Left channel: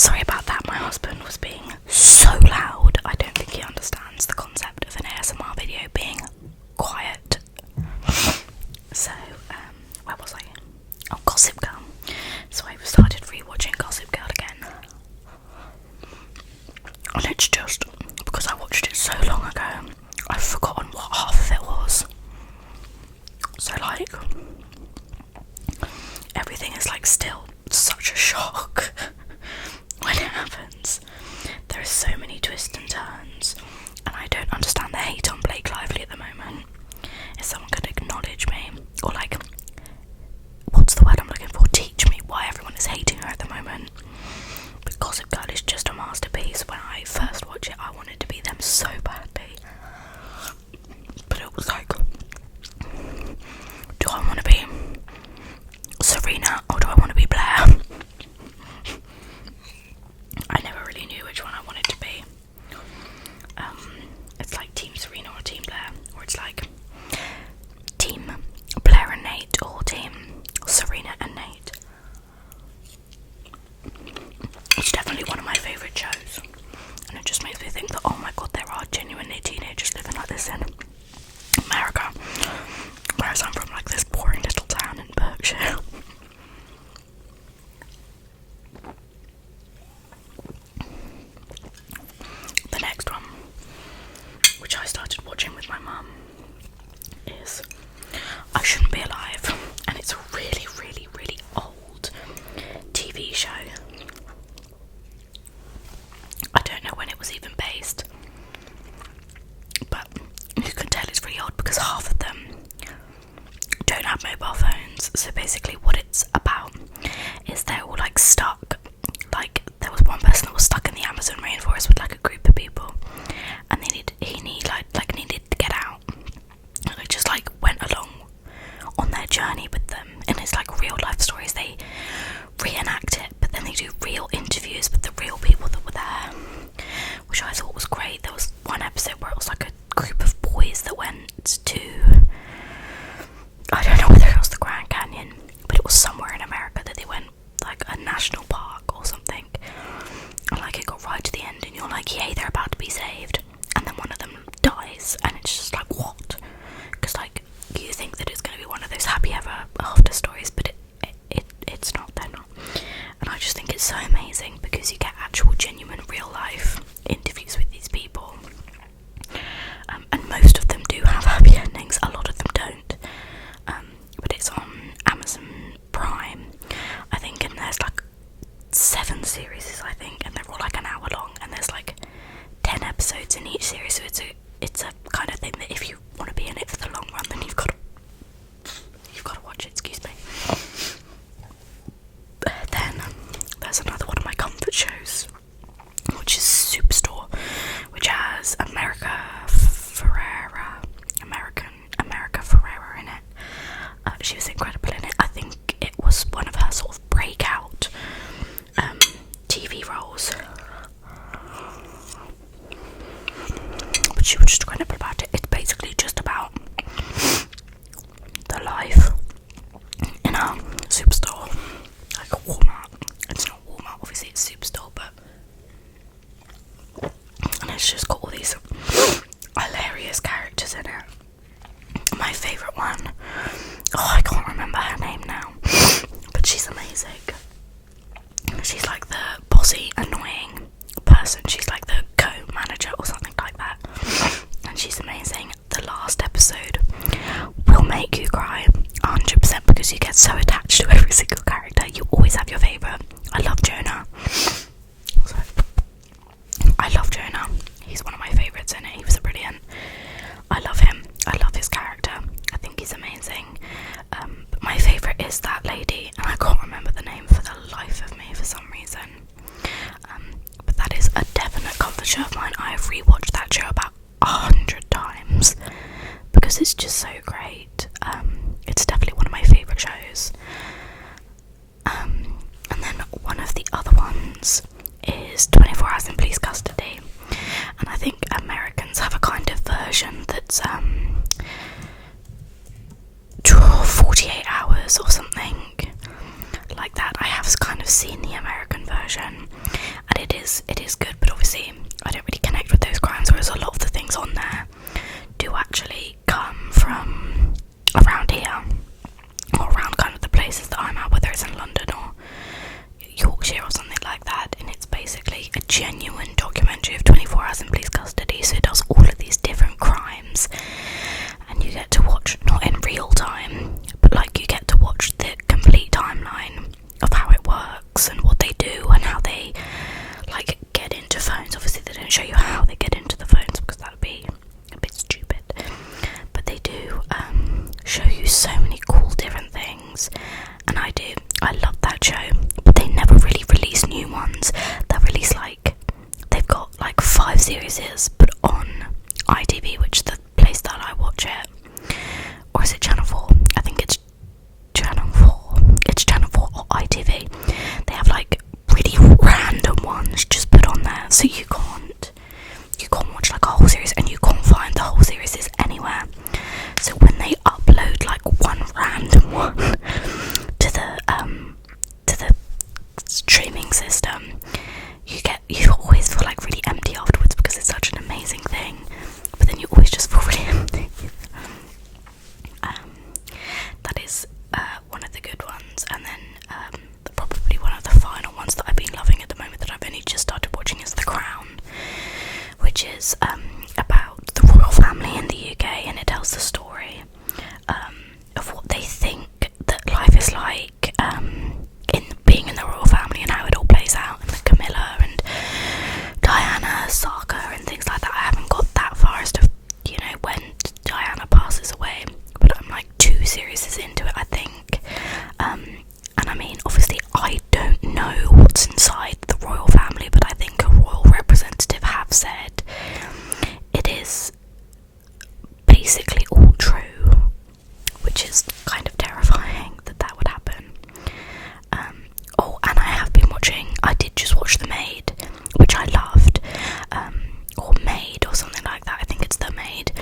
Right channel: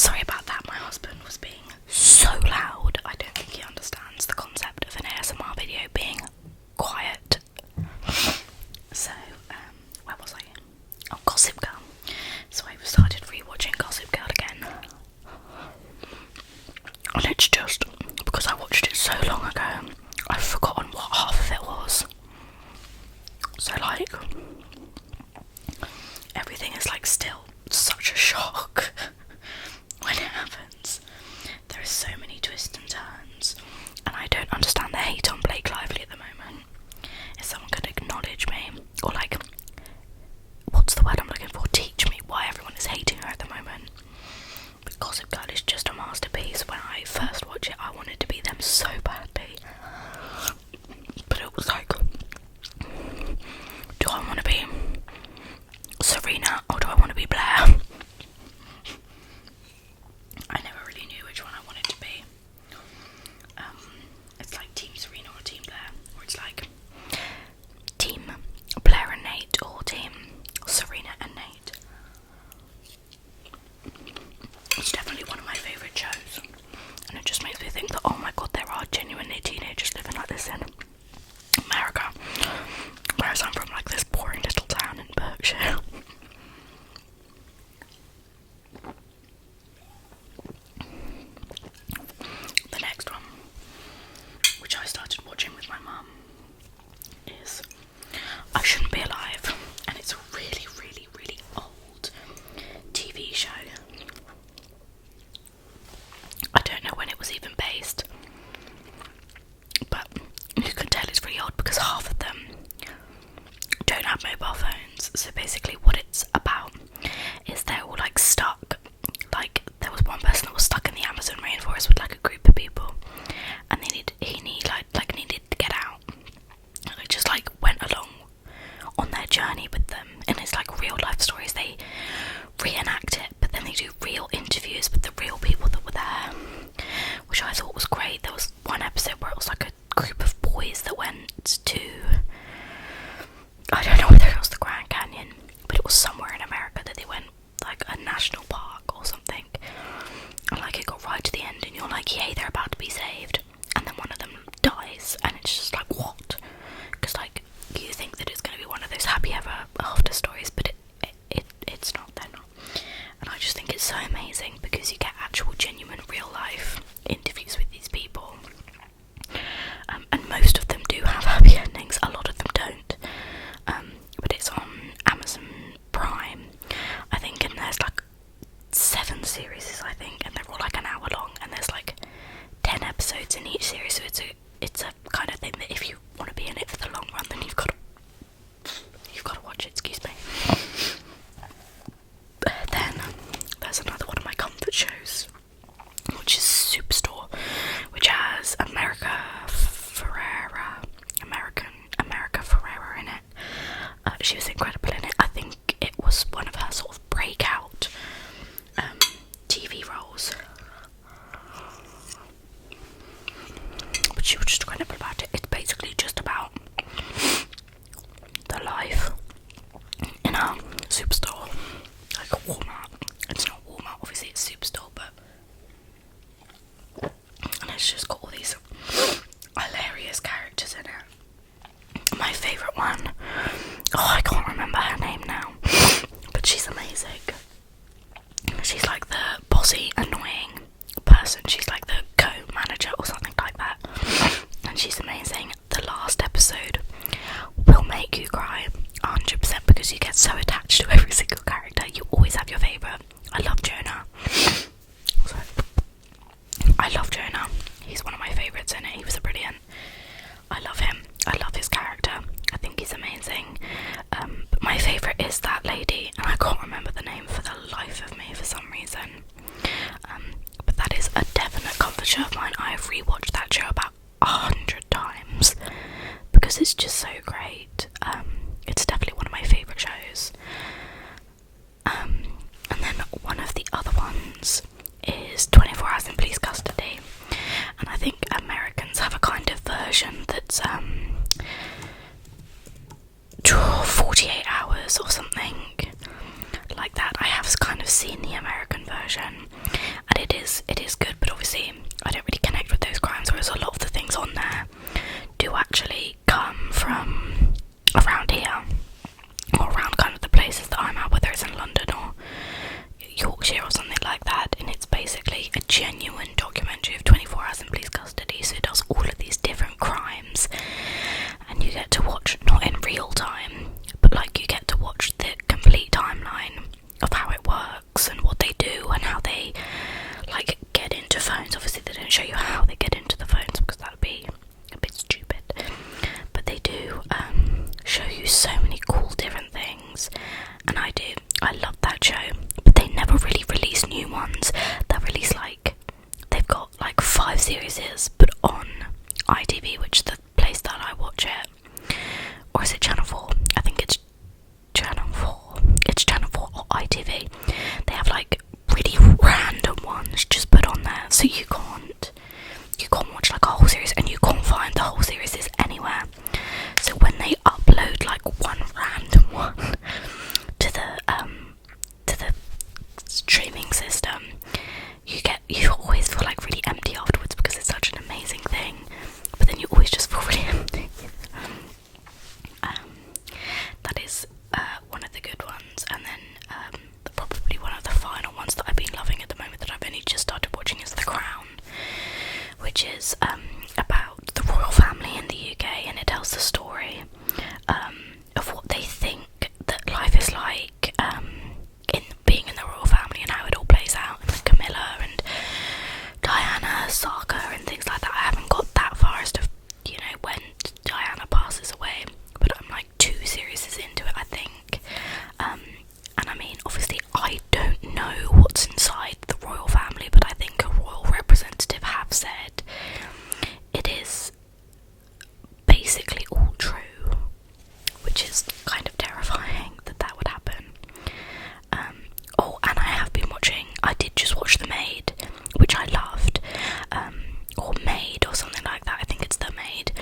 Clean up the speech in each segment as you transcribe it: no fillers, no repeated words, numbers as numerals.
Sorry about that, my husband was being so loud. I don't think he understands the concept of an ASMR video being quiet. So, where was I? Oh, Gossip Girl. So I started rewatching Gossip Girl again. And it's just, because I watched it so long ago, I've forgotten what half of it was. So like, everything is like still such a shock when it happens. There are so many twists and turns, and I don't understand the hate on Blake Lively at the moment. If someone could acknowledge me, or like, what's the word I'm looking for? Teach me why everyone is hating her at the moment. But Gossip Girl is just a masterpiece. When I first watched it, I wanted to be them so badly. But it was like, do I want to be Serena or do I want to be Blair? I never really knew which one I wanted to be. It's like Team Serena or Team Blair, or it's like Team Blair and Nate or Team Serena and Nate. It's definitely one of my favourite shows, and it just makes me think that, oh my god, there are genuinely teenagers living like this in America, whereas I'm from like this boring little town in Berkshire. The next one, which I started watching with my mum, is I Shouldn't Be Alive, and it's a really, really, really old TV show. I don't know when it was even based, but you can tell it's really old because half of them don't have mobile phones. So basically what it's about is they're all like stuck. Like there was one person that was stuck in the Amazon rainforest with like a group of people, and he needed to get out. And I just like went along on their journey with them, and it's like real life stories. They reenact it, but then they do real interviews with the real people that were there, which I thought was great. There was one episode where it was like a group of boys that went to, I don't know whether it was the Grand Canyon, but it was somewhere in America that they went, like a national park or something, and like it got right to the end and you're like, yay, they're about to be saved, and then one of them dies, and it's just like, what? Because like you think that it's going to be one of those happy ever after stories, but it's not, they're not. And I just think it's so amazing because you get actual genuine real life interviews with these people, and most of them do have happy endings, a lot of them don't, but it's on Amazon Prime, I think, and there's like 7 series, I think, and they're all like an hour long, and there's like 10 episodes in each series, so it's a kind of thing that if you want to be in it for the long run, then you've got to watch it, excuse me. Then there's another one of my comfort shows, which is Superstore, which has America Ferrera in it. She was incredible in it. I think it was one of her sort of breakout TV roles, but she was just incredible about it. It's basically just about the life in a superstore, like a Walmart. It's not Walmart, obviously, it's Superstore, but and it's just got all these hilarious characters in it. My favourite one, I can't remember her name now, but she's amazing. She's like the bossy, annoying person. She's like the co-manager or something like that, and she's amazing. The last episode will make you cry 100% because you get so attached to every single character. You always have your favourite. I love Jonah. He's one of my favourites in it. He was brilliant. I love him. I love his character. I think he's amazing. But my favourite is that lady, and I can't remember the name for the life of me for some reason. But that is a definite comfort show of mine. I have rewatched that show about 100 times because it's just so great. It's definitely one of my favourite shows. And then one of the other ones is 24 Hours in Police Custody, and I think Americans have a kind of version that's 48 hours or something like that. I have kind of seen the American version, and it is good, but obviously I don't really connect with those crimes, whereas a lot of the things on there do actually come from around here, or around kind of the places that I'm at, whether it's in London or Yorkshire or something like that. And it's basically a genuine documentary of 24 hours in police custody, so it does all of these different crimes, and you get to watch, not in real time, but like you get to watch the complete timeline of how it works and what they do and how they like get into phones. Obviously they don't show you how they get into the phones because that would be a bit stupid, but they do show you so many cool different things, and I love that show. But they never really release new ones. They release they've got like 5 series, but on ITV, which is the place that I watch it. Or is it Channel 4? I think it's Channel 4. It's Channel 4 or ITV. They have like really random ones just put on there, so you can't watch like a whole series, and you can't find the whole series anywhere. So when they upload like one random one to the streaming system, you always feel like really empty afterwards because it's such an amazing thing, but then you always just feel really empty. That is one of the good ones, and then probably one of the final ones that I've been loving at the moment that I've only just started watching is The Crown, which is about the royal family in the UK, and it tells the story of what they think that life is like in being in the royal family and how it all plays out, and like Camilla and Diana, Saka and things like that. I haven't got that far as to, when Diana passes away, but I'm like 2 series into it, I think. And I mean, obviously I don't know what's inside the royal family, but I think a royal representative have said it is basically all true, which is kind of terrifying that would happen. And I did just watch The Maid, which I loved, or Maid or something like that. I think it's The Maid,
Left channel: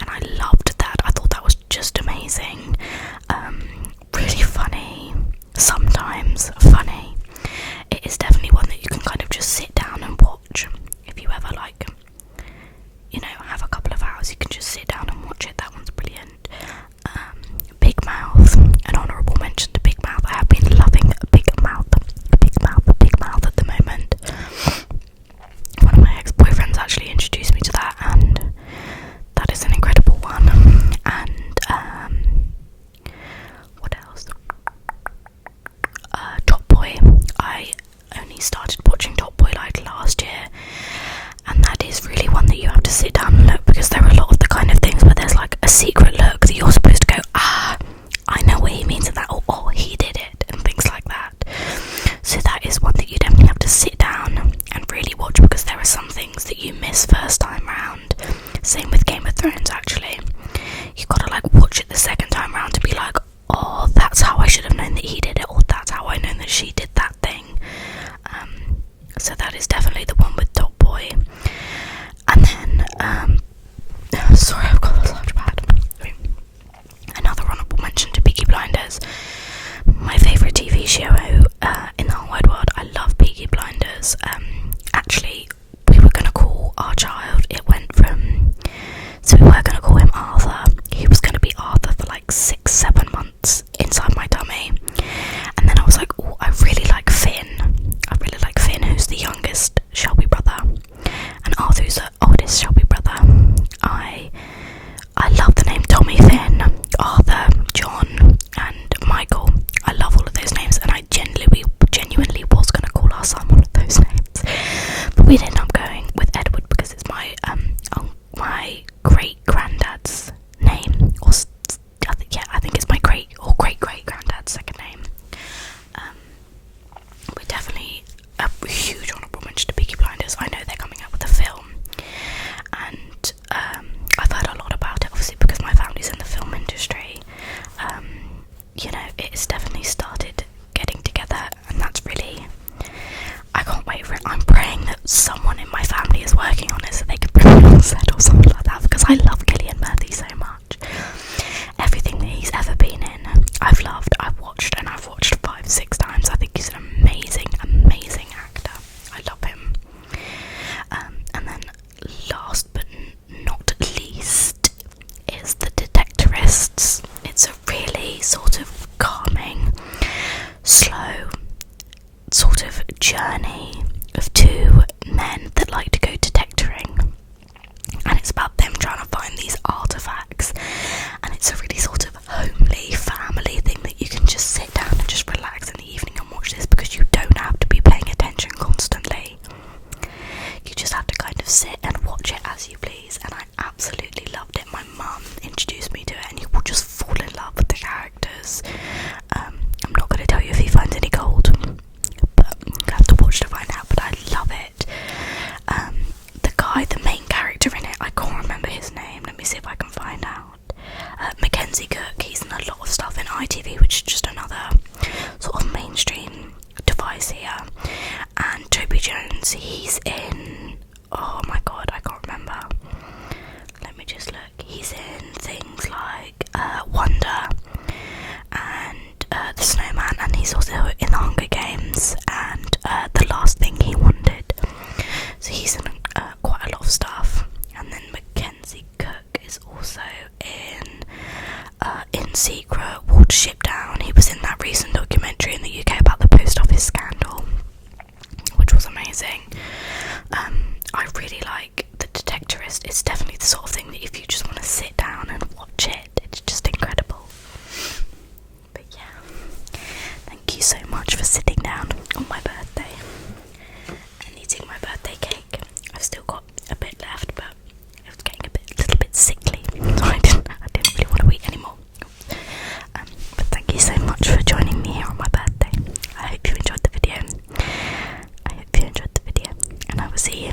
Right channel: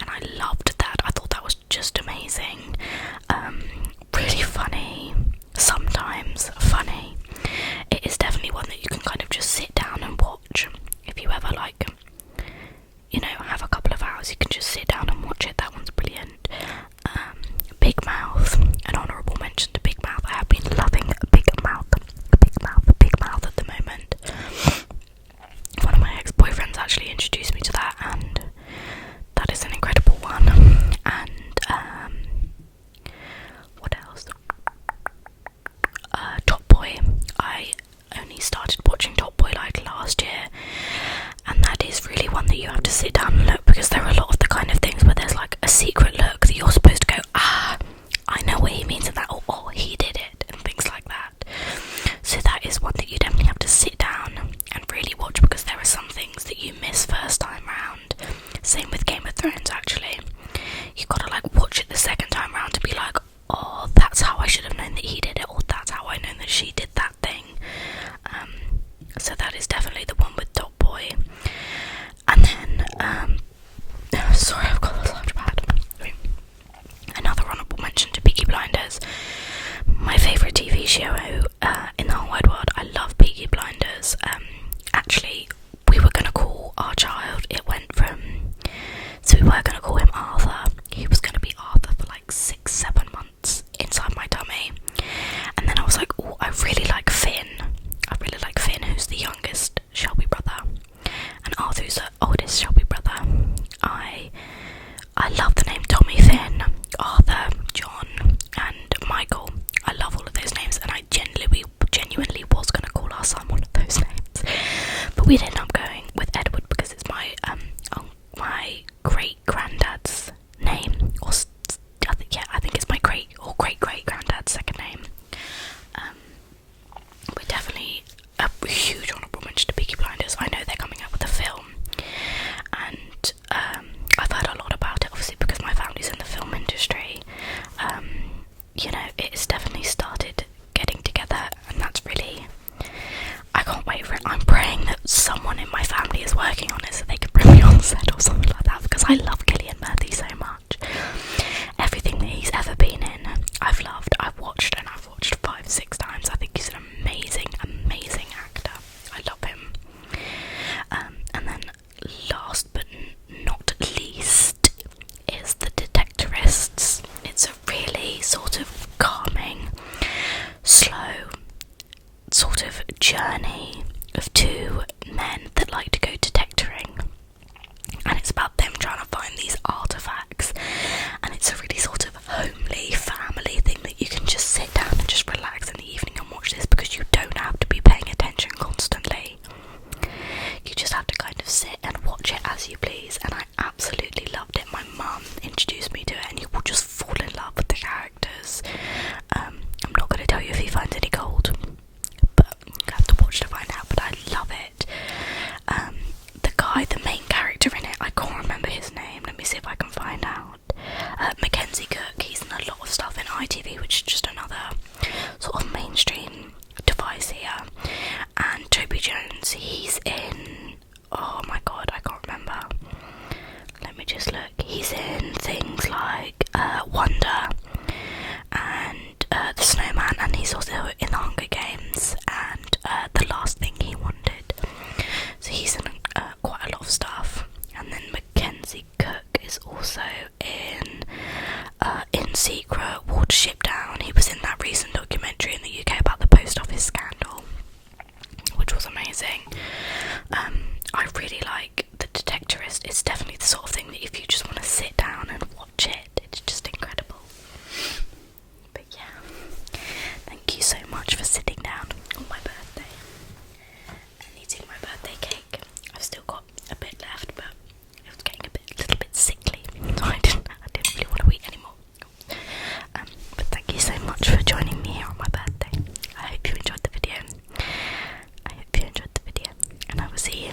and I loved that. I thought that was just amazing. Really funny, sometimes funny. It is definitely one that you can kind of just sit down and watch. If you ever have a couple of hours, you can just sit down and watch it. That one's brilliant. Big Mouth, an honourable mention to Big Mouth. I have been loving Big Mouth at the moment. One of my ex-boyfriends actually introduced me to that, and that is an incredible one. And what else? Top Boy. I only started watching Top Boy like last year, and that is really one that you have to sit down and look, because there are a lot of the kind of things where there's like a secret look that you're supposed to go, I know what he means in that, or oh, he did it, and things like that. So that is one that you definitely have to sit down and really watch, because there are some things that you miss first time round. Same with Game of Thrones, actually. You've got to like watch it the second time round to be like, oh, that's how I should have known that he did it, or that's how I know that she did that thing. So that is definitely the one with Top Boy. And then, sorry, I've got a large pad. Another honourable mention to Peaky Blinders. My favourite TV show in the whole wide world. I love Peaky Blinders. Actually, we were going to call our child, so we were going to call him Arthur. He was going to be Arthur for like 6-7 months inside my tummy. And then I was like, oh, I really like Finn. Who's the youngest Shelby brother, and Arthur's the oldest Shelby brother. I love the name Tommy, Finn, Arthur, John, and Michael. I love all of those names, and I genuinely was going to call our son one of those names, but we ended up going with Edward because it's my great granddad's name, or I think it's my great granddad's second name. We're definitely a huge honourable mention to Peaky Blinders. I know they're coming out with a film, and I've heard a lot about it, obviously because my family's in the film industry. It's definitely started getting together, and that's really, I can't wait for it. I'm praying that someone in my family is working on it so they can bring me on set or something like that, because I love Cillian Murphy so much. Everything that he's ever been in, I've loved. I've watched 5-6 times. I think he's an amazing journey of two men that like to go detectoring, and it's about them trying to find these artifacts, and it's a really sort of homely family thing that you can just sit down and just relax in the evening and watch this, because you don't have to be paying attention constantly. You just have to kind of sit and watch it as you please, and I absolutely loved it. My mum introduced me to it, and you will just fall in love with the characters. I'm not going to tell you if he finds any gold, but you have to watch to find out, but I love it. The guy, the main character in it, I can't remember his name, let me see if I can find out. Mackenzie Cook, he's in a lot of stuff in ITV, which is just another sort of mainstream device here. And Toby Jones, he's in, oh my god, I can't remember. Let me just look. He's in things like Wonder and The Snowman, and he's also in The Hunger Games and The Last Thing He Wanted. So he's in quite a lot of stuff. And then Mackenzie Cook is also in Secret, Watership Down. He was in that recent documentary in the UK about the post office scandal, which was amazing. I really like The Detectorist. It's definitely the sort of thing that if you just want to sit down and watch it, it's just incredible. But yeah, thank you so much for sitting down on my birthday and eating my birthday cake. I've still got a bit left, but it was getting a little bit sickly, so I didn't really want to eat anymore. But thank you so much for joining me here on my birthday. I hope you enjoyed the video. And I will see you